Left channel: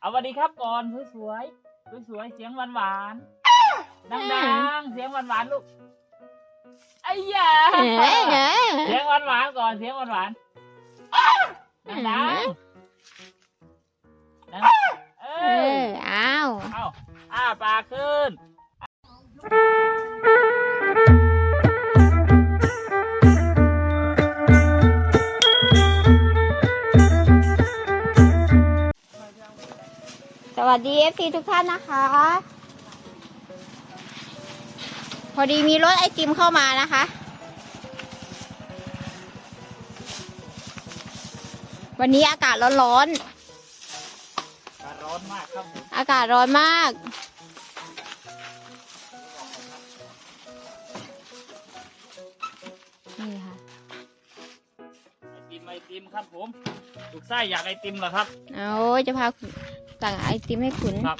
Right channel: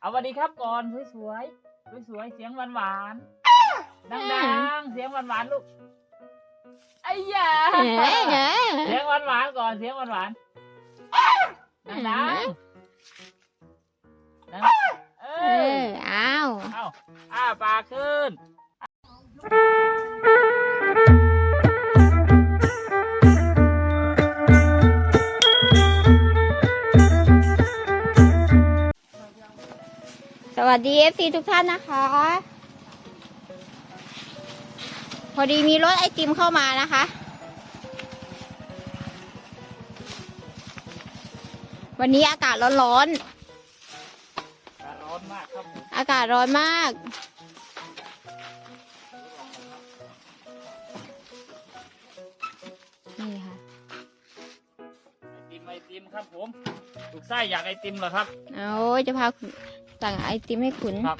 เอาสวัสดีครับก่อนสวยๆสวยๆเสียงหวานๆดังๆเสียงหวานๆลูกไอ้ยาเอ้ยเอ้ยเสียงหวานๆก่อนเสียงหวานๆดังๆดังๆเอเออออ้าวเอาอ้าปากขึ้น วัสดีเอฟซีทุกท่านนะคะ พอดีมีรถไอติมเข้ามานะคะ วันนี้อากาศร้อนร้อนมากครับผมๆอากาศร้อนมากนี่ค่ะไอติมไอติมครับผมลูกไส้อยากไอติมเหรอครับโอ้ยจะพา สั่งไอติมให้ขุนครับ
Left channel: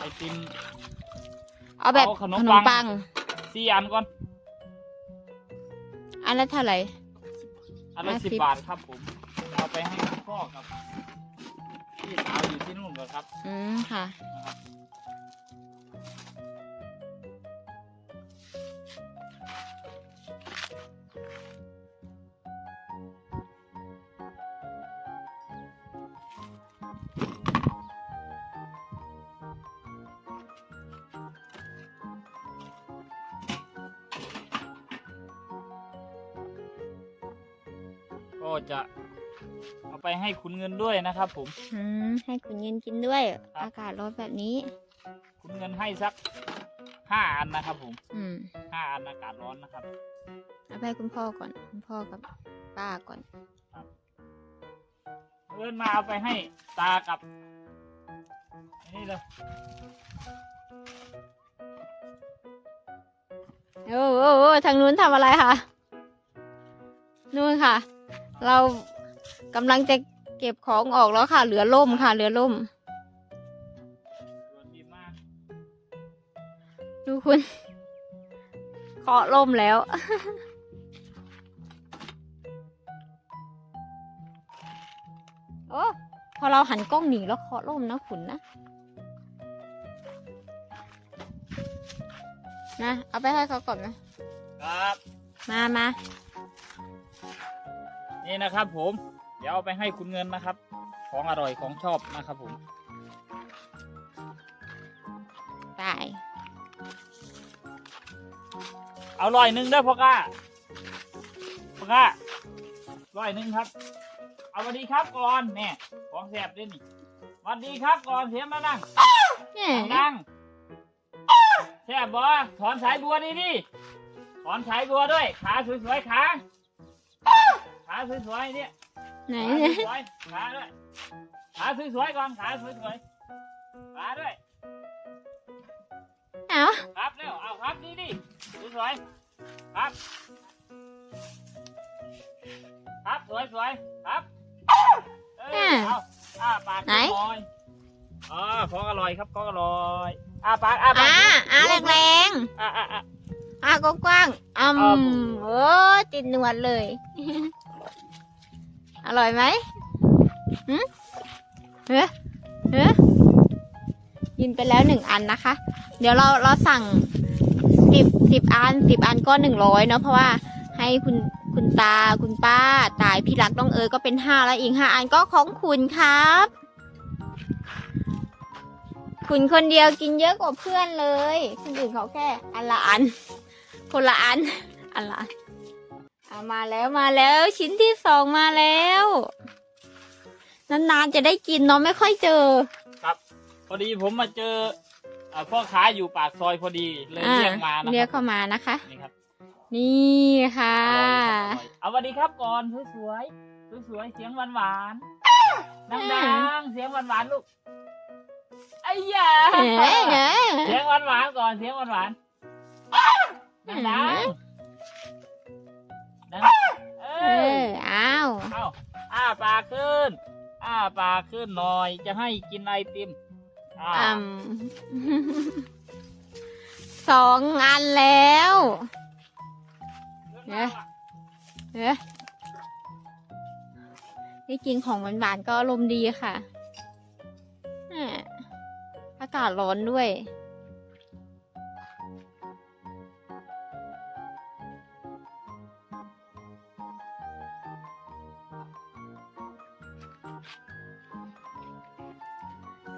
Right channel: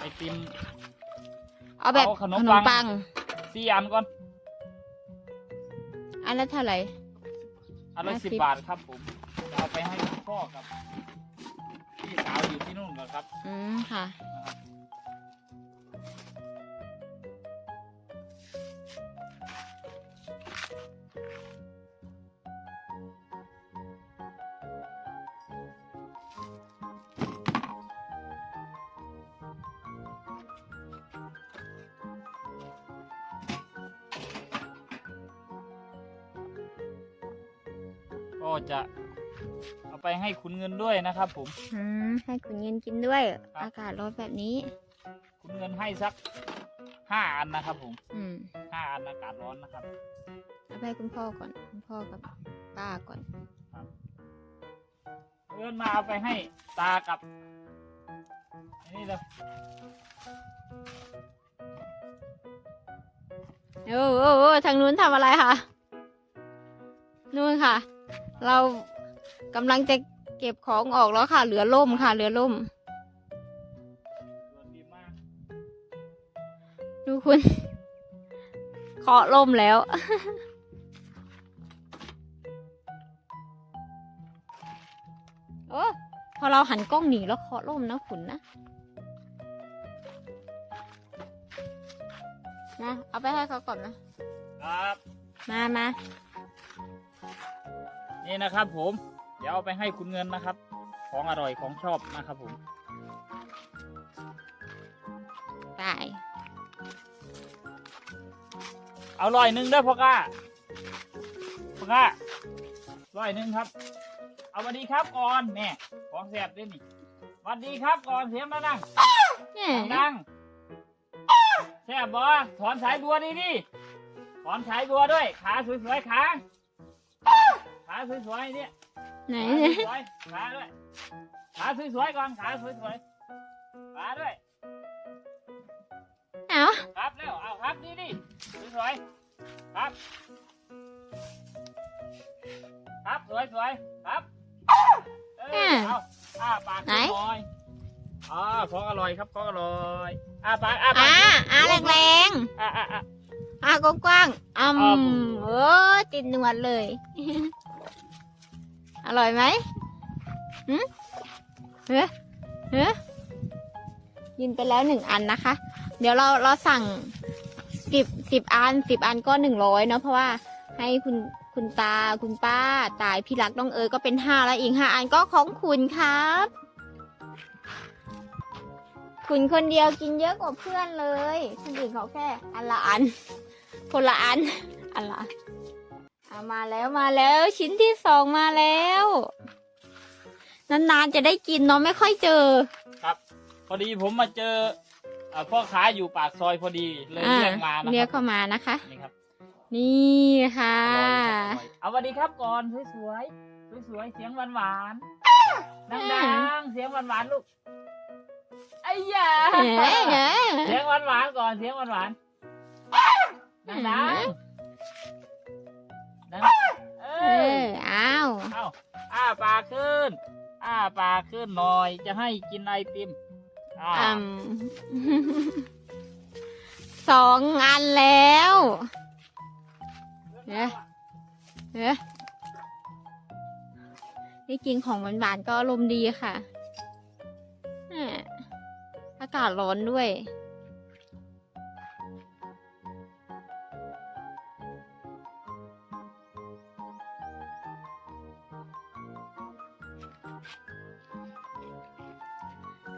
ไอติม เอาแบบเอาขนมขนมปัปังงสี่อันก่อนอันละเท่าไหร่ อันละห้าสิสิบ บบาทครับผม เอาไปให้พ่อกับพี่สาวอยู่ที่นู่นก่อนครับอืมค่ะ นะครับ จะเอาไปให้คุณเงินด้วยนะครับ ผม อืมให้ขุนเย็นกินด้วย อากาศร้อนแบบนี้คุณเงินให้สักห้าอันนะครับ ผมอืมห้าอันอากาศร้อนนะครับ เอาไปให้คุณพ่อก่อน คุณพ่อกับป้าก่อน เอินมาเอาไปให้ตากับอันนี่เลยโอ้โหโอ้ทางนู้นทำอะไรคะนู่นค่ะ เรากำลังจะเก็บของออกแล้วค่ะ เหลือล่มค่ะเหลือล่มดีมากดูคุณเคาะล่มแล้ว โอ้พอเราหันกล้องหนีแล้วเคาะล่มนะขุนนะนะเอาไปให้เขาก่อนนะครับ มามา นี่นะครับ ผม เดี๋ยวเอาไปให้คุณเงินนะครับ ของอร่อยของชอบนะครับผมตายเอาร้อยหนึ่งเด้อพ่อก้าพ่อก้าร้อยหนึ่งครับ เอาสวัสดีครับก่อนแม่ของแสบด้วยนี่สวัสดีครับก่อนเสียงมานั่งเนี่ยนั่งแสบบอถอนสายบัวดีดิถอนสายบัวด้วยขาสวยๆขาขา สวยๆเนี่ยไหนขาเนี่ยสวยๆขาด้วยขาสวยๆก่อนขาสวยๆขาด้วยเอาครับเร็วเอาครับนี่ดิสวยๆครับ ครับสวยๆครับเออเอาอ้าปากหน่อยอ๋อของอร่อยครับของอร่อยอ้าปากอ้าปากอ่าอ่าแรงอ่าอ่าอ่า ๆอ่ากว้างๆอืครับมโอ้ติดหนวดเลย อร่อยไหมหืมเฮ้เฮ้กินไปแล้วหนึ่งอันนะคะ เดี๋ยวเราเราสั่งสิบสิบอันสิบอันก็หนึ่งร้อยเนาะเพราะว่าให้คุณคุณตาคุณป้าตายพี่รักน้องเอ๋ยก็เป็นห้าแล้วอีกห้าอันก็ของคุณครับ คุณคนเดียวกินเยอะกว่าเพื่อนเลยคนอื่นเขาแค่อันละอัน คนละอันอันละอัน อามาแล้วมาแล้วชิ้นที่สองมาแล้ว นานๆจะได้กินเนาะไม่ค่อยเจอพอดีผมมาเจออ่าพ่อค้าอยู่ปากซอยพอดีเลยอ่าเรียกมานะเรียกครัเข้ามานะคะ นี่ครับนี่ค่ะ อร่อยครับอร่อยเอาสวัสดีครับก่อนสวยๆสวยๆเสียงหวานๆดังๆเสียงหวานๆลูกไอ้ยาเอ้ยเอ้ยเสียงหวานหวานๆก่อนเสียงหวานหวานๆดังดัง ดังเอเออออ้าวเอาอ้าปากขึ้น อ้าปากขึ้นหน่อย จะให้กินไอติมอ่าอืม สองอันแล้ว เนี่ย เอ๊ะนี่กินของหวานๆก็อารมณ์ดีค่ะอ่าากาศร้อนด้วย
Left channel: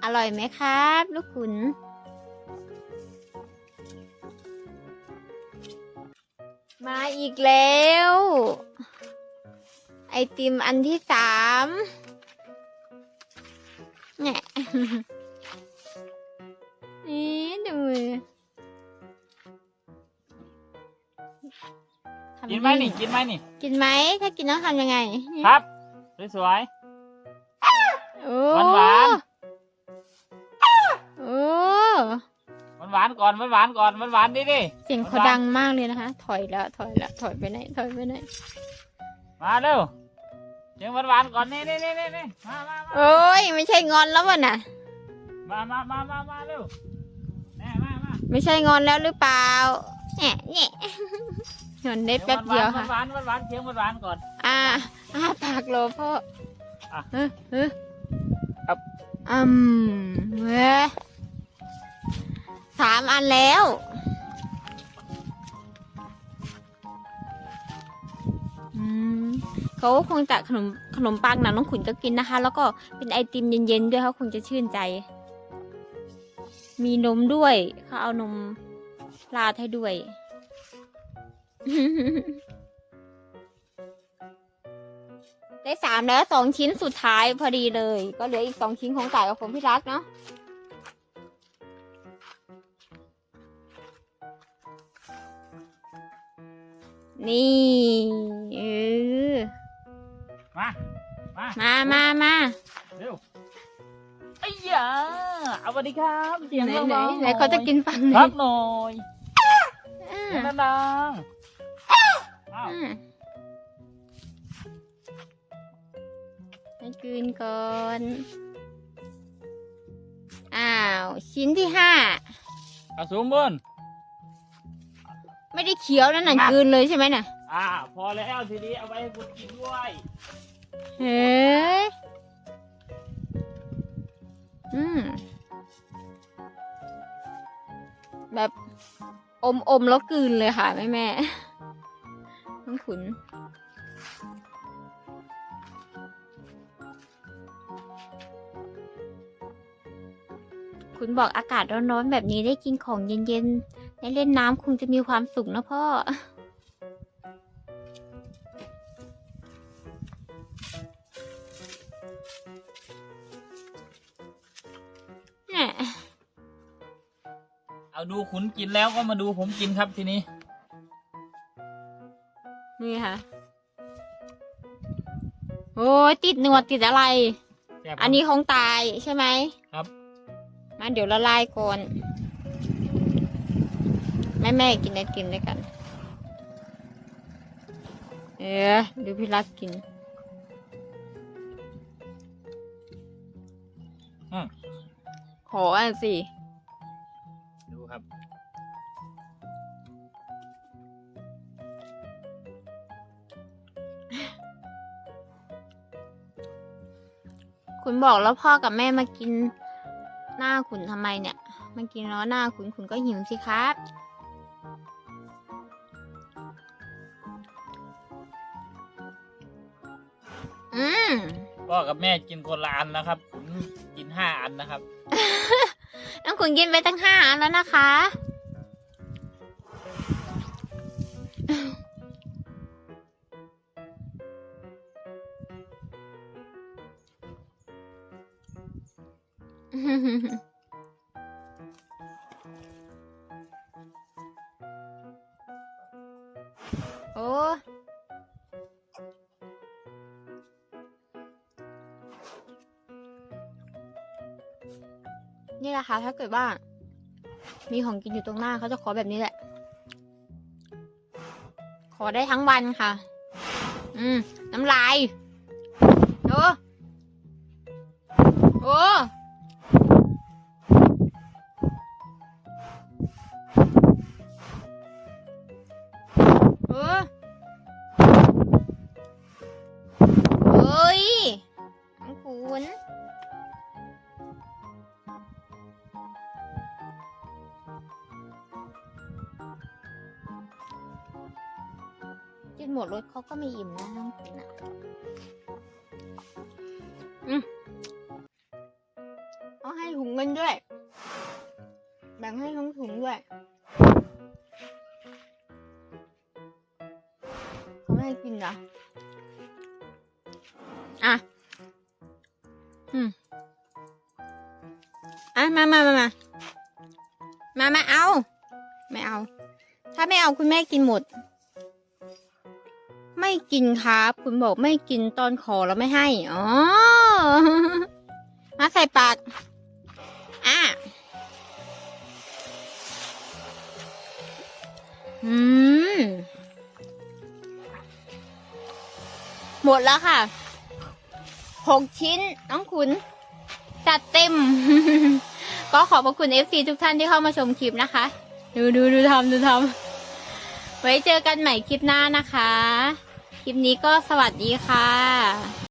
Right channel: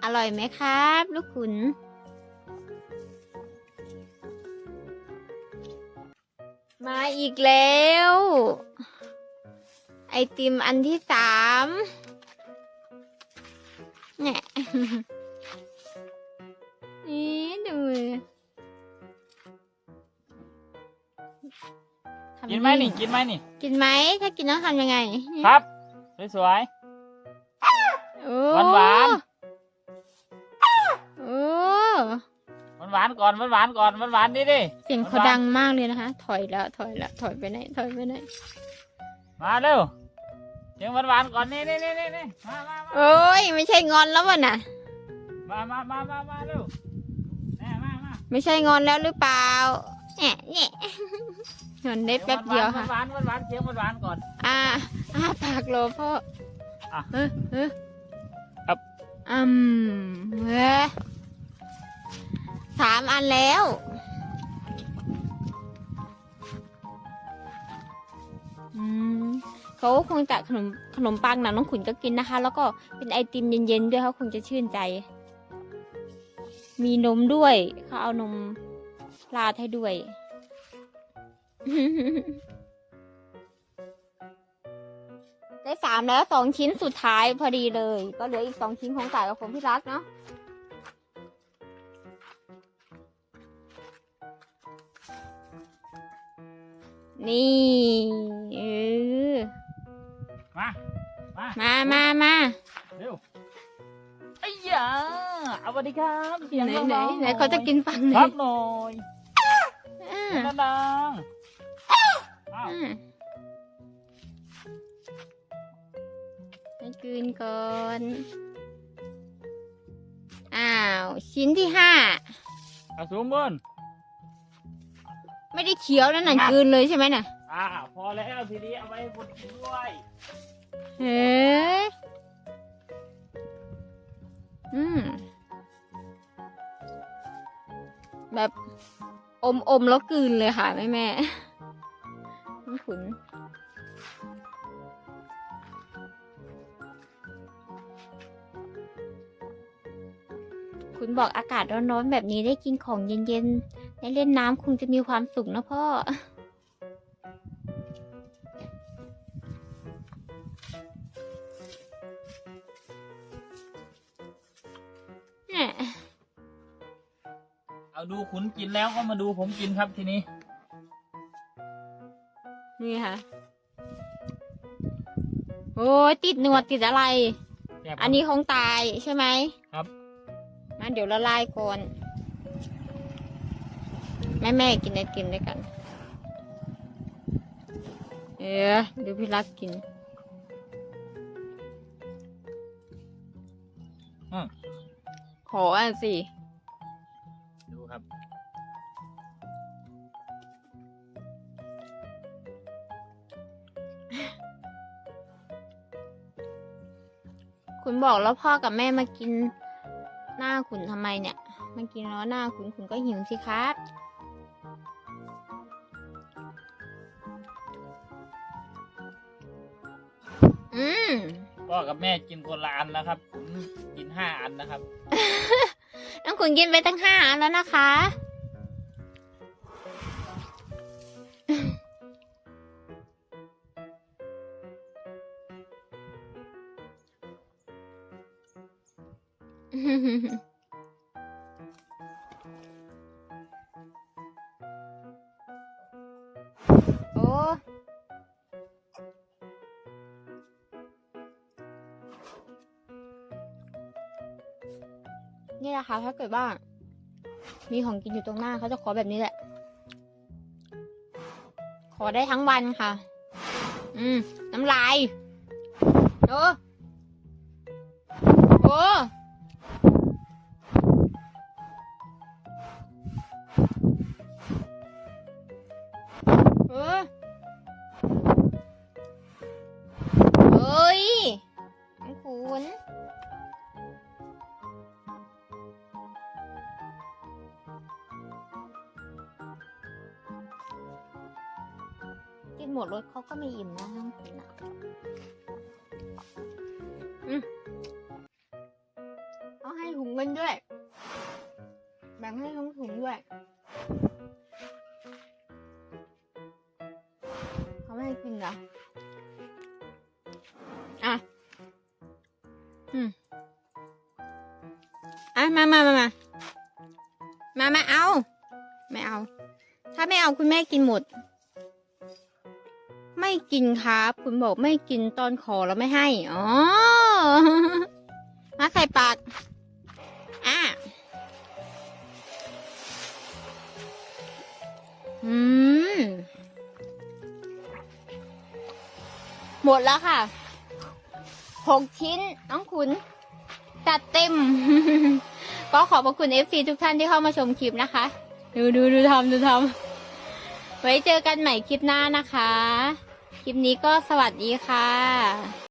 อร่อยไหมครับ ลูกขุน มาอีกแล้ว ไอติมอันที่สามเนี่ยนี่ดูมือทำกินไหมนี่ กินไหมนี่ กินไหม ถ้ากินต้องทำยังไง ครับ สวยโๆหวานๆก่อนหวานๆก่อนหวานๆดิดิเสียงเขาดังมากเลยนะคะ ถอยแล้วถอยแล้วถอยไปไหนถอยไปไหนมาเร็วเสียงหวานๆก่อนนี่นี่นี่นี่นี่มามามาโอ้ยไม่ใช่งอนแล้ววะน่ะ มามามามามาเร็วแม่มามาไม่ใช่งอนแล้วหรือเปล่าแหน่แหน่งอนได้แป๊บเดียวค่ะหวานๆหวานๆเสียงหวานๆก่อน อ่าอ่าปากโลพ่ออะเออเออครับอืมเว้ย สามอันแล้ว อืมเขาคงจะขนมขนมปังนะน้องขุนก็กินนะคะ แล้วก็เป็นไอติมเย็นๆด้วยเขาคงจะชื่นใจ มีนมด้วยเขาเอานมราดให้ด้วย ได้สามแล้วสองชิ้นสุดท้ายพอดีเลย ก็เหลืออีกสองชิ้นของต่ายกับผมพี่รักเนาะ นี่เออมา มามามามาเร็วไอ้ยาเอาสวัสดีครับเสียงไหนดังไหนๆไหนเขาจะกินฟังไหนครับหน่อยอ่าเสียงดังๆอ้าวอ่าให้กินก่อน อ้าว ชิ้นที่ห้าเอาสูงบน ไม่ได้เคี้ยวนั่นน่ะกลืนเลยใช่ไหมน่ะ อ่า พอแล้วทีนี้เอาไปให้คนกินด้วยเฮ้ยอืม แบบอมอมแล้วกลืนเลยค่ะ แม่แม่น้องขุน คุณบอกอากาศร้อนๆแบบนี้ได้กินของเย็นๆ ได้เล่นน้ำคงจะมีความสุขนะพ่อแหม่เอาดูขุนกินแล้วก็มาดูผมกินครับทีนี้ นี่ค่ะ โอ้ยติดหนวดติดอะไรแซ่บครับอันนี้ของตายใช่ไหมครับ มาเดี๋ยวละลายก่อน แม่แม่กินไอติมด้วยกัน เออดูพี่รักกิน อืมขออันสิ ดูครับ คุณบอกแล้วพ่อกับแม่มากินหน้าขุนทำไมเนี่ย มากินแล้วหน้าขุนขุนก็หิวสิครับ อืมพ่อกับแม่กินคนละอันนะครับผมกินห้าอันนะครับ น้องขุนกินไปตั้งห้าอันแล้วนะคะโนี่แหละค่ะถ้าเกิดว่า มีของกินอยู่ตรงหน้าเขาจะขอแบบนี้แหละ ขอได้ทั้งวันค่ะ อืม น้ำลายเออ ดรถเขาก็ไม่อิ่มนะน้องกินอะอืมเอาให้ถุงเงินด้วย แบ่งให้ทั้งถุงด้วยเขาไม่ให้กินเหรออะ อืมอะมามามามามามาเอา ไม่เอา ถ้าไม่เอาคุณแม่กินหมด ไม่กินครับ คุณบอกไม่กินตอนขอแล้วไม่ให้ อ๋อ มาใส่ปาก อะ อืม หมดแล้วค่ะ หกชิ้น น้องขุนจัดเต็ม ก็ขอบพระคุณ FC ทุกท่านที่เข้ามาชมคลิปนะคะ ดูดูดูทำดูทำไว้เจอกันใหม่คลิปหน้านะคะ คลิปนี้ก็สวัสดีค่ะ